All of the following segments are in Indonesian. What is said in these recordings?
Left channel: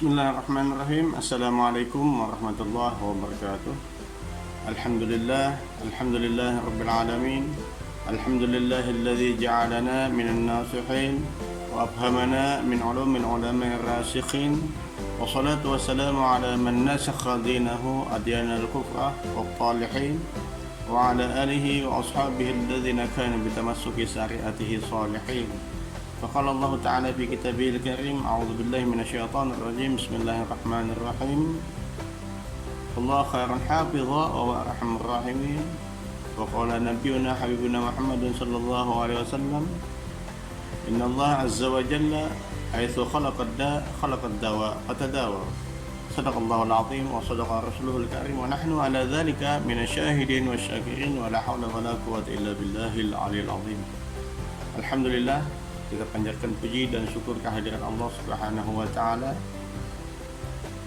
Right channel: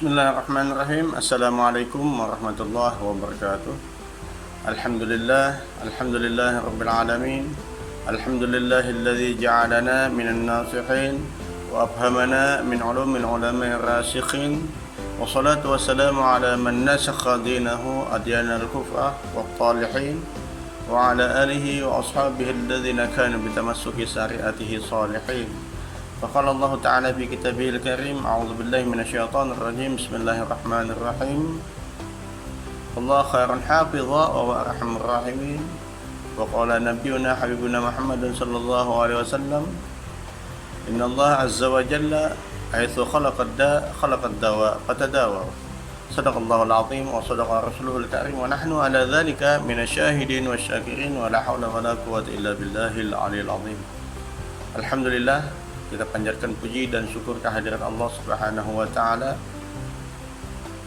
Bismillahirrahmanirrahim. Assalamualaikum warahmatullahi wabarakatuh. Alhamdulillah rabbil alamin. Alhamdulillahilladzi ja'alana minan nasihin wa afhamana min ulumil ulama'ir rasikhin. Wassalatu wassalamu ala man nasakha dinahu adyanal kufra wat talihin wa ala alihi wa ashabihi alladhina kanu bitamassuki syari'atihi salihin. فقال الله تعالى في كتابه الكريم أعوذ بالله من الشيطان الرجيم بسم الله الرحمن الرحيم الله خير حافظا وهو أرحم الراحمين وقال نبينا حبيبنا محمد صلى الله عليه وسلم إن الله عز وجل حيث خلق الدواء فتداووا صدق الله العظيم وصدق رسوله الكريم ونحن على ذلك من الشاهدين والشاكرين ولا حول ولا قوة إلا بالله العلي العظيم. Alhamdulillah, kita panjatkan puji dan syukur kehadirat Allah Subhanahu wa taala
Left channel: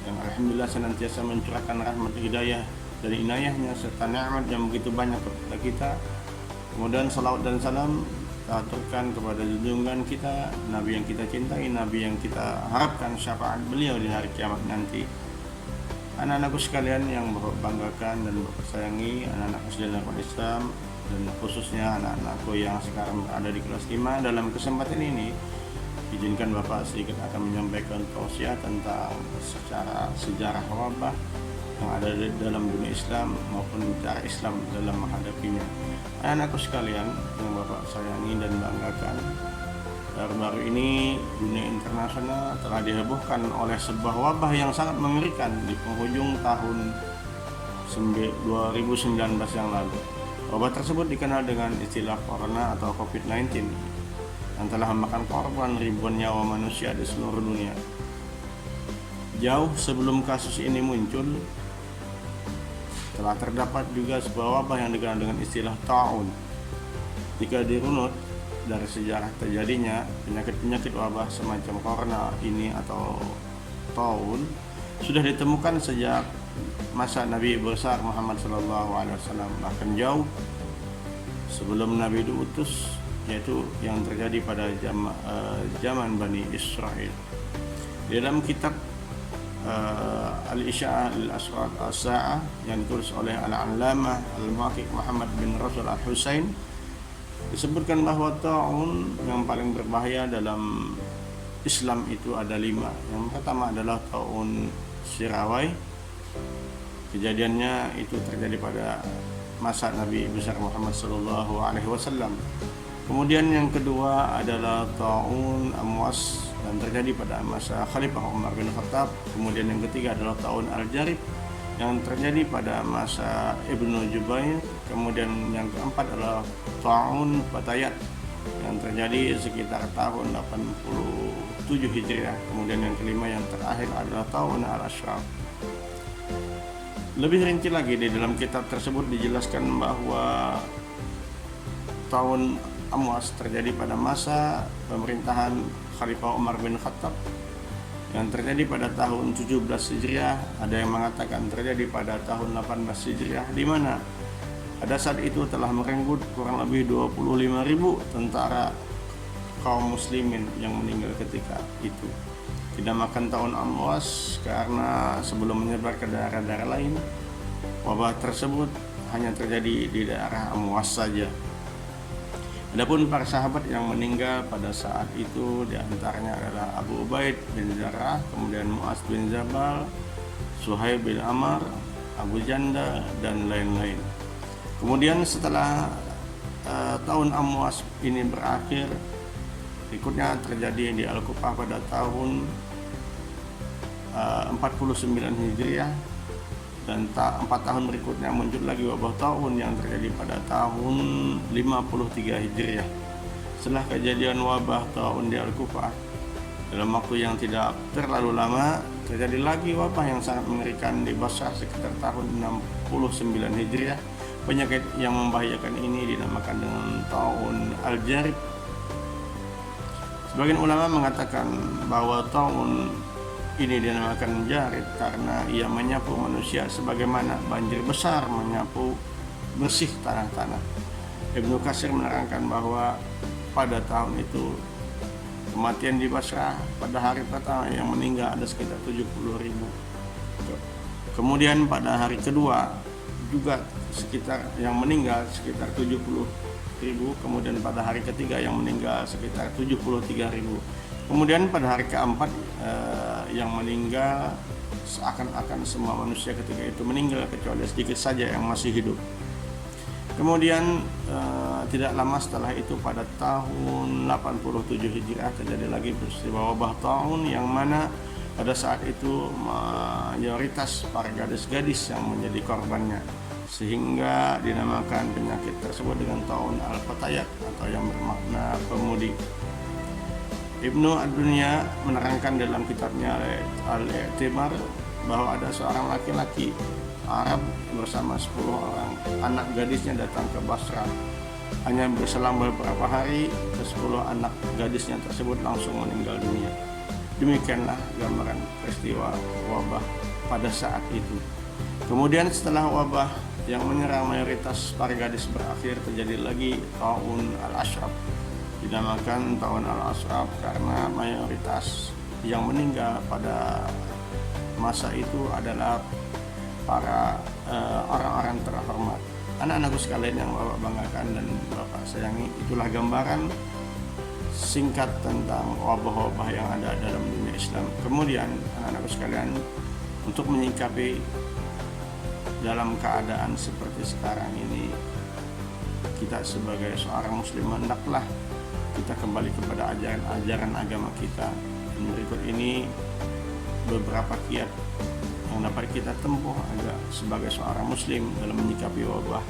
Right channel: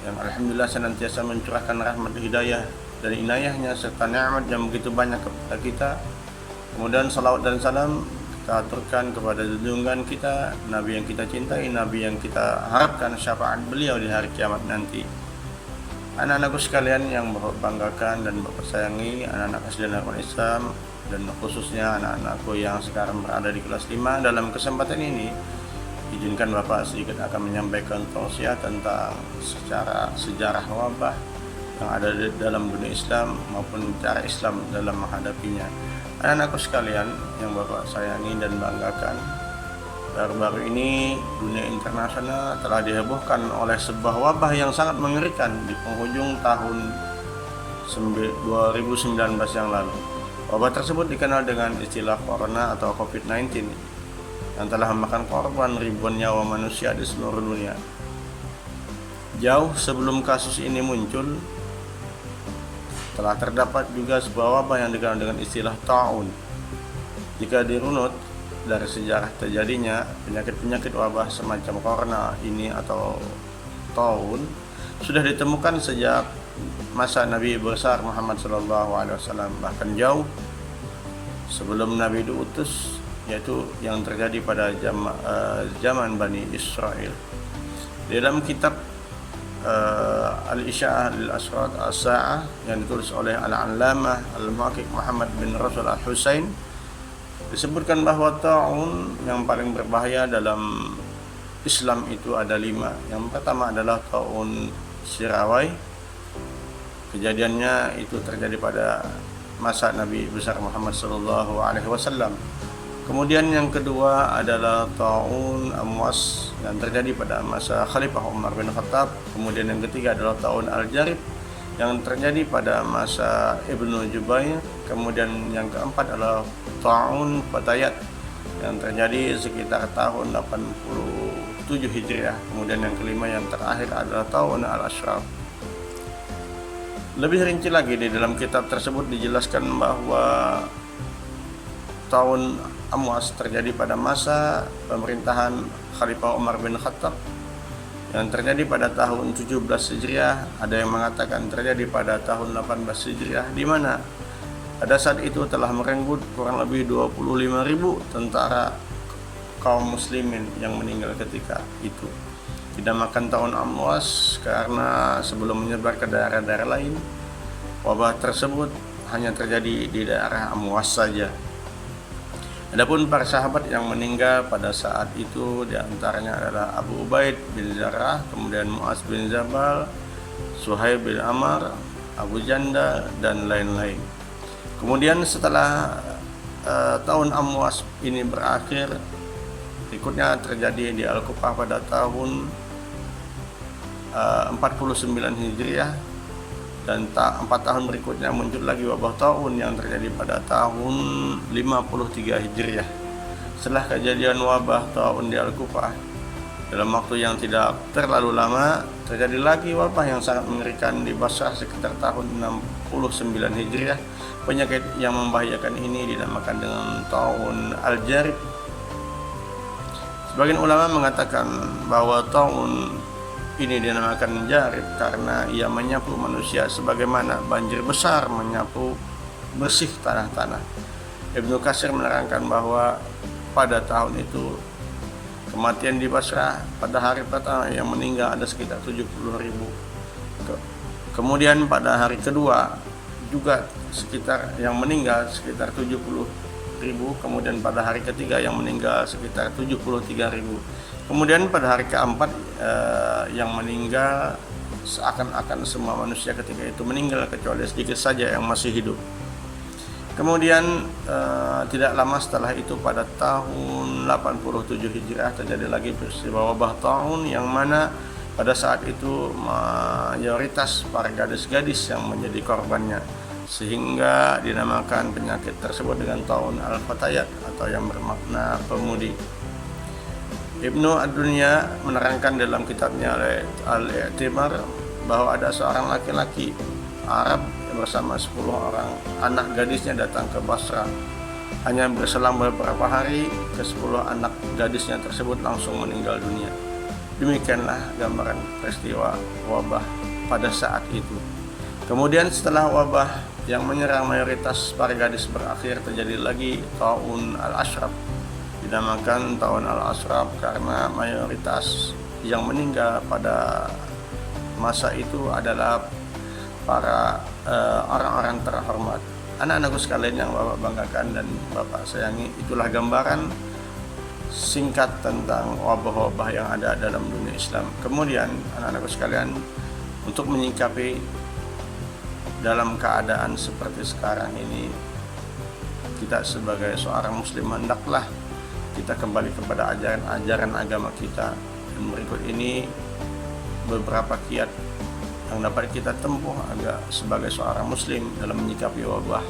yang alhamdulillah senantiasa mencurahkan rahmat hidayah dan inayahnya serta nikmat yang begitu banyak kepada kita. Kemudian salawat dan salam kita aturkan kepada junjungan kita, Nabi yang kita cintai, Nabi yang kita harapkan syafaat beliau di hari kiamat nanti. Anak-anakku sekalian yang Bapak banggakan dan Bapak sayangi, anak-anak SD Islam, dan khususnya anak-anakku yang sekarang berada di kelas 5, dalam kesempatan ini izinkan Bapak sedikit akan menyampaikan tausiah tentang sejarah wabah yang ada di dalam dunia Islam maupun cara Islam dalam menghadapinya. Anak-anakku sekalian yang Bapak sayangi dan banggakan, baru-baru ini dunia internasional telah dihebohkan oleh sebuah wabah yang sangat mengerikan di penghujung tahun 2019 yang lalu. Wabah tersebut dikenal dengan istilah Corona atau COVID-19 yang telah memakan korban ribuan nyawa manusia di seluruh dunia. Jauh sebelum kasus ini muncul, telah terdapat juga sebuah wabah yang dikenal dengan istilah taun. Jika dirunut dari sejarah terjadinya penyakit-penyakit wabah semacam corona ini atau taun sudah ditemukan sejak masa Nabi besar Muhammad SAW, bahkan jauh sebelum Nabi diutus, yaitu yang terjadi pada zaman Bani Israel. Di dalam kitab Al-Isya'ah lil-Asrat As-Sa'ah yang ditulis oleh Al-Allamah Al-Muhaqqiq Muhammad bin Rasul Al-Husain, disebutkan bahwa taun yang paling berbahaya dalam Islam itu ada 5. Yang pertama adalah taun Sirawai. Kejadiannya itu terjadi pada masa Nabi besar Muhammad SAW. Kemudian yang kedua adalah taun Amwas yang terjadi pada masa Khalifah Umar bin Khattab. Kemudian yang ketiga adalah taun Al-Jarib yang terjadi pada masa Ibnu Jubair. Kemudian yang keempat adalah taun Fatayat yang terjadi sekitar tahun 87 Hijriah. Kemudian yang kelima yang terakhir adalah taun Al-Ashraf. Lebih rinci lagi di dalam kitab tersebut dijelaskan bahwa tahun Amwas terjadi pada masa pemerintahan Khalifah Umar bin Khattab yang terjadi pada tahun 17 Hijriah. Ada yang mengatakan terjadi pada tahun 18 Hijriah, di mana pada saat itu telah merenggut kurang lebih 25.000 tentara kaum muslimin yang meninggal ketika itu. Dinamakan tahun Amwas karena sebelum menyebar ke daerah-daerah lain, wabah tersebut hanya terjadi di daerah Amwas saja. Adapun para sahabat yang meninggal pada saat itu diantaranya adalah Abu Ubaid bin Jarrah, kemudian Mu'az bin Jabal, Suhaib bin Amr, Abu Janda, dan lain-lain. Kemudian setelah tahun Amwas ini berakhir, berikutnya terjadi di Al-Kufah pada tahun 49 Hijriah, dan 4 tahun berikutnya muncul lagi wabah taun yang terjadi pada tahun 53 Hijriah. Setelah kejadian wabah taun di Al-Kufah, dalam waktu yang tidak terlalu lama terjadi lagi wabah yang sangat mengerikan di Basrah sekitar tahun 69 Hijriah. Penyakit yang membahayakan ini dinamakan dengan taun Al-Jarib. Sebagian ulama mengatakan bahwa taun ini dinamakan Jarib karena ia menyapu manusia sebagaimana banjir besar menyapu bersih tanah-tanah. Ibnu Katsir menerangkan bahwa pada tahun itu Kematian di Basrah pada hari pertama yang meninggal ada sekitar 70.000. Kemudian pada hari kedua juga sekitar yang meninggal sekitar 70.000. Kemudian pada hari ketiga yang meninggal sekitar 73.000. Kemudian pada hari keempat yang meninggal seakan-akan semua manusia ketika itu meninggal kecuali sedikit saja yang masih hidup. Kemudian tidak lama setelah itu pada tahun 87 Hijriah terjadi lagi peristiwa wabah taun yang mana pada saat itu mayoritas para gadis-gadis yang menjadi korbannya, sehingga dinamakan penyakit tersebut dengan taun al-fatayat atau yang bermakna pemudi. Ibnu Ad-Dunya menerangkan dalam kitabnya Al-I'tibar bahwa ada seorang laki-laki Arab bersama 10 orang anak gadisnya datang ke Basrah. Hanya berselang beberapa hari, ke-10 anak gadisnya tersebut langsung meninggal dunia. Demikianlah gambaran peristiwa wabah pada saat itu. Kemudian setelah wabah yang menyerang mayoritas para gadis berakhir, terjadi lagi taun al-ashraf. Dinamakan taun al-ashraf karena mayoritas yang meninggal pada masa itu adalah para orang-orang terhormat. Anak-anakku sekalian yang Bapak banggakan dan Bapak sayangi, itulah gambaran singkat tentang wabah-wabah yang ada dalam dunia Islam. Kemudian anak-anakku sekalian, untuk menyikapi dalam keadaan seperti sekarang ini, kita sebagai seorang muslim hendaklah kita kembali kepada ajaran agama kita. Dan berikut ini beberapa kiat yang dapat kita tempuh agar sebagai seorang muslim dalam menyikapi wabah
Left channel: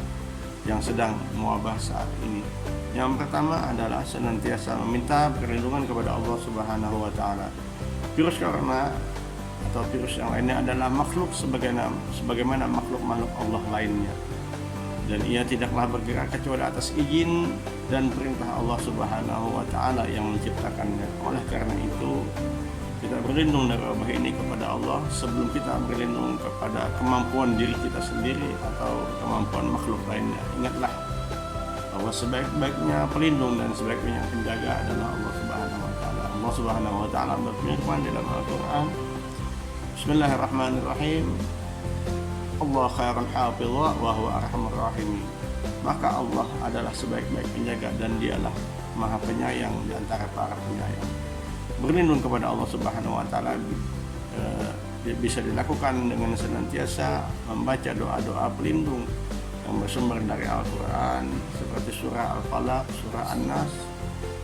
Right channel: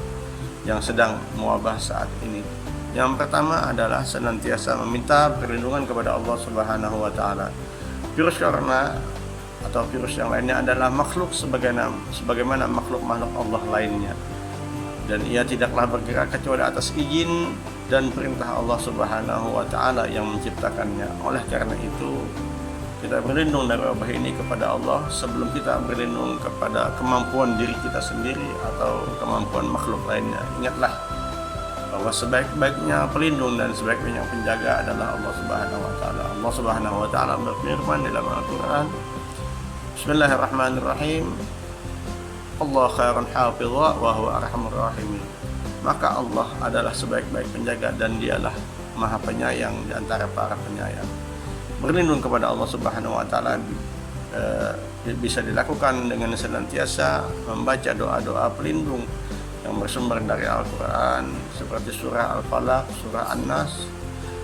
yang sedang mewabah saat ini. Yang pertama adalah senantiasa meminta perlindungan kepada Allah Subhanahu wa taala. Virus corona atau virus yang lainnya adalah makhluk sebagaimana makhluk-makhluk Allah lainnya, dan ia tidaklah bergerak kecuali atas izin dan perintah Allah Subhanahu wa taala yang menciptakannya. Oleh karena itu, kita berlindung dari wabah ini kepada Allah sebelum kita berlindung kepada kemampuan diri kita sendiri atau kemampuan makhluk lainnya. Ingatlah bahwa sebaik-baiknya pelindung dan sebaik-baiknya penjaga adalah Allah Subhanahu wa taala. Allah Subhanahu wa taala berfirman dalam Al-Qur'an, Bismillahirrahmanirrahim. Allah khairun hafidha wa huwa arhamur rahimin. Maka Allah adalah sebaik-baik penjaga dan dialah Maha Penyayang di antara para penyayang. Berlindung kepada Allah Subhanahu wa taala bisa dilakukan dengan senantiasa membaca doa-doa pelindung yang bersumber dari Al-Qur'an seperti surah Al-Falaq, surah An-Nas,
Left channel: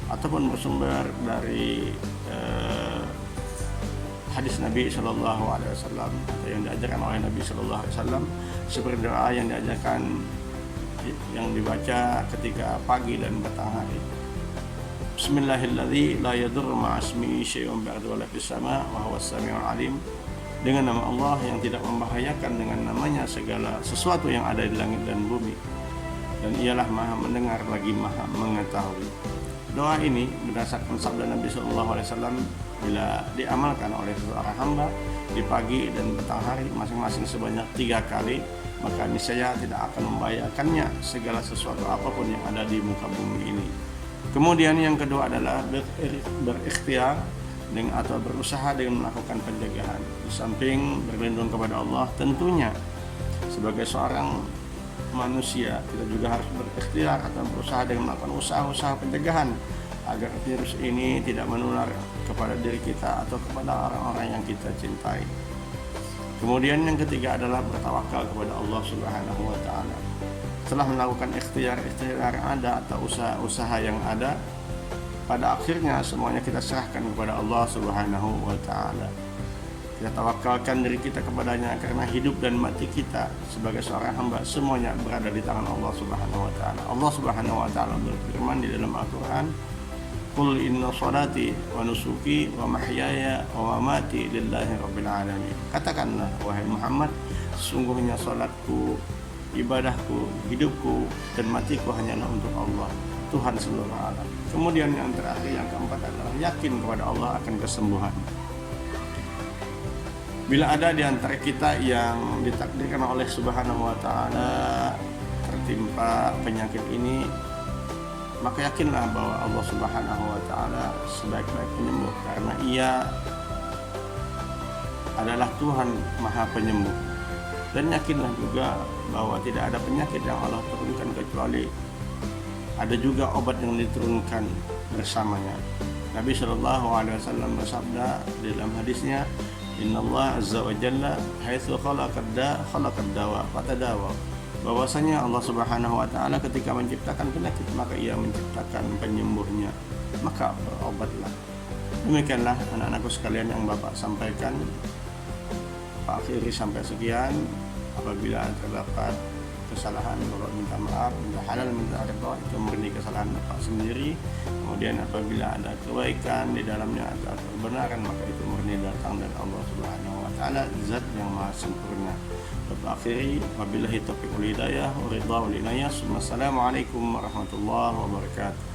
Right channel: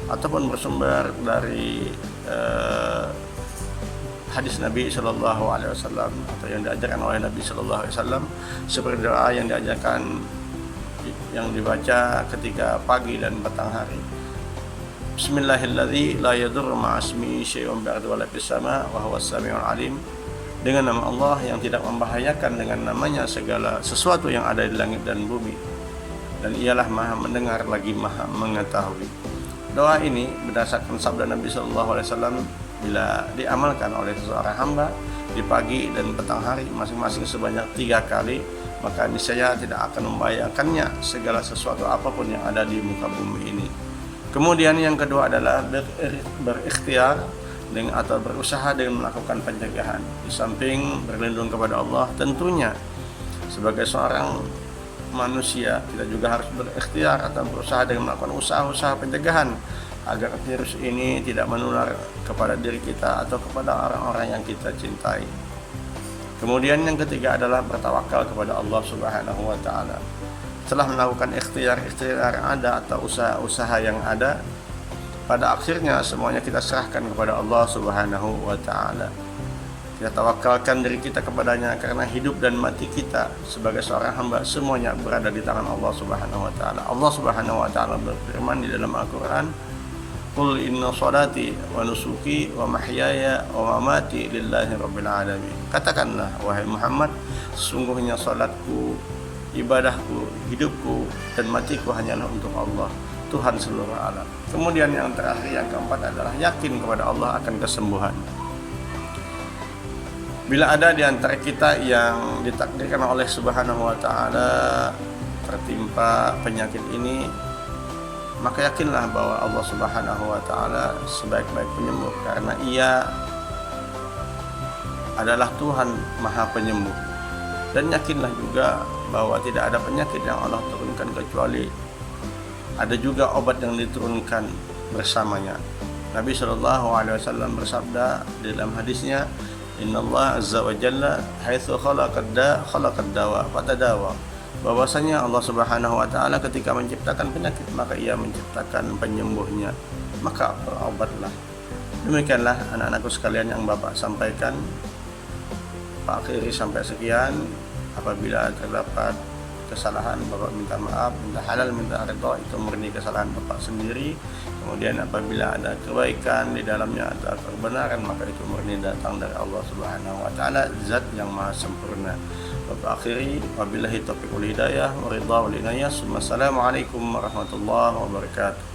ataupun bersumber dari hadis Nabi sallallahu alaihi wasallam atau yang diajarkan oleh Nabi sallallahu alaihi wasallam, seperti doa yang diajarkan yang dibaca ketika pagi dan petang hari. Bismillahirrahmanirrahim. La yadurru ma'asmihi syai'un ba'du wa la fis sama' wa huwas samiul alim. Dengan nama Allah yang tidak membahayakan dengan namanya segala sesuatu yang ada di langit dan bumi, dan ialah Maha mendengar lagi Maha mengetahui. Doa ini berdasarkan sabda Nabi sallallahu alaihi wasallam, bila diamalkan oleh seorang hamba di pagi dan petang hari masing-masing sebanyak 3 kali, maka niscaya tidak akan membahayakannya segala sesuatu apapun yang ada di muka bumi ini. Kemudian yang kedua adalah berikhtiar atau berusaha dengan melakukan pencegahan. Di samping berlindung kepada Allah, tentunya sebagai seorang manusia kita juga harus berikhtiar atau berusaha dengan melakukan usaha-usaha pencegahan agar virus ini tidak menular kepada diri kita atau kepada orang-orang yang kita cintai. Kemudian yang ketiga adalah bertawakal kepada Allah Subhanahu wa taala. Setelah melakukan ikhtiar yang ada atau usaha-usaha yang ada, pada akhirnya semuanya kita serahkan kepada Allah Subhanahu wa taala. Kita tawakalkan diri kita kepadanya karena hidup dan mati kita sebagai seorang hamba semuanya berada di tangan Allah Subhanahu wa taala. Allah Subhanahu wa taala berfirman di dalam Al-Qur'an, Qul inna salati wa nusuki wa mahyaya wa mamati lillahi rabbil alamin. Katakanlah wahai Muhammad, sesungguhnya salatku, ibadahku, hidupku dan matiku hanyalah untuk Allah, Tuhan seluruh alam. Kemudian yang terakhir, yang keempat adalah yakin kepada Allah akan kesembuhan. Bila ada di antara kita yang ditakdirkan oleh Subhanahu wa taala tertimpa penyakit ini, maka yakinlah bahwa Allah Subhanahu wa taala sebaik-baik penyembuh, karena Ia adalah Tuhan Maha Penyembuh. Dan yakinlah juga bahwa tidak ada penyakit yang Allah turunkan kecuali ada juga obat yang diturunkan bersamanya. Nabi SAW bersabda di dalam hadisnya, Innallaha azza wa jalla haitsu khalaqad dawa fatadawa. Bahwasanya Allah Subhanahu wa taala ketika menciptakan penyakit, maka Ia menciptakan penyembuhnya, maka berobatlah. Demikianlah anak-anakku sekalian yang Bapak sampaikan. Pak akhiri sampai sekian. Apabila terdapat kesalahan, Bapak minta maaf, minta halal, minta ridha, itu murni kesalahan Bapak sendiri. Kemudian apabila ada kebaikan di dalamnya atau kebenaran, maka itu murni datang dari Allah Subhanahu wa taala, zat yang maha sempurna. Bapak akhiri, wabillahi taufiq wal hidayah wa ridha wal inayah. Wassalamualaikum warahmatullahi wabarakatuh.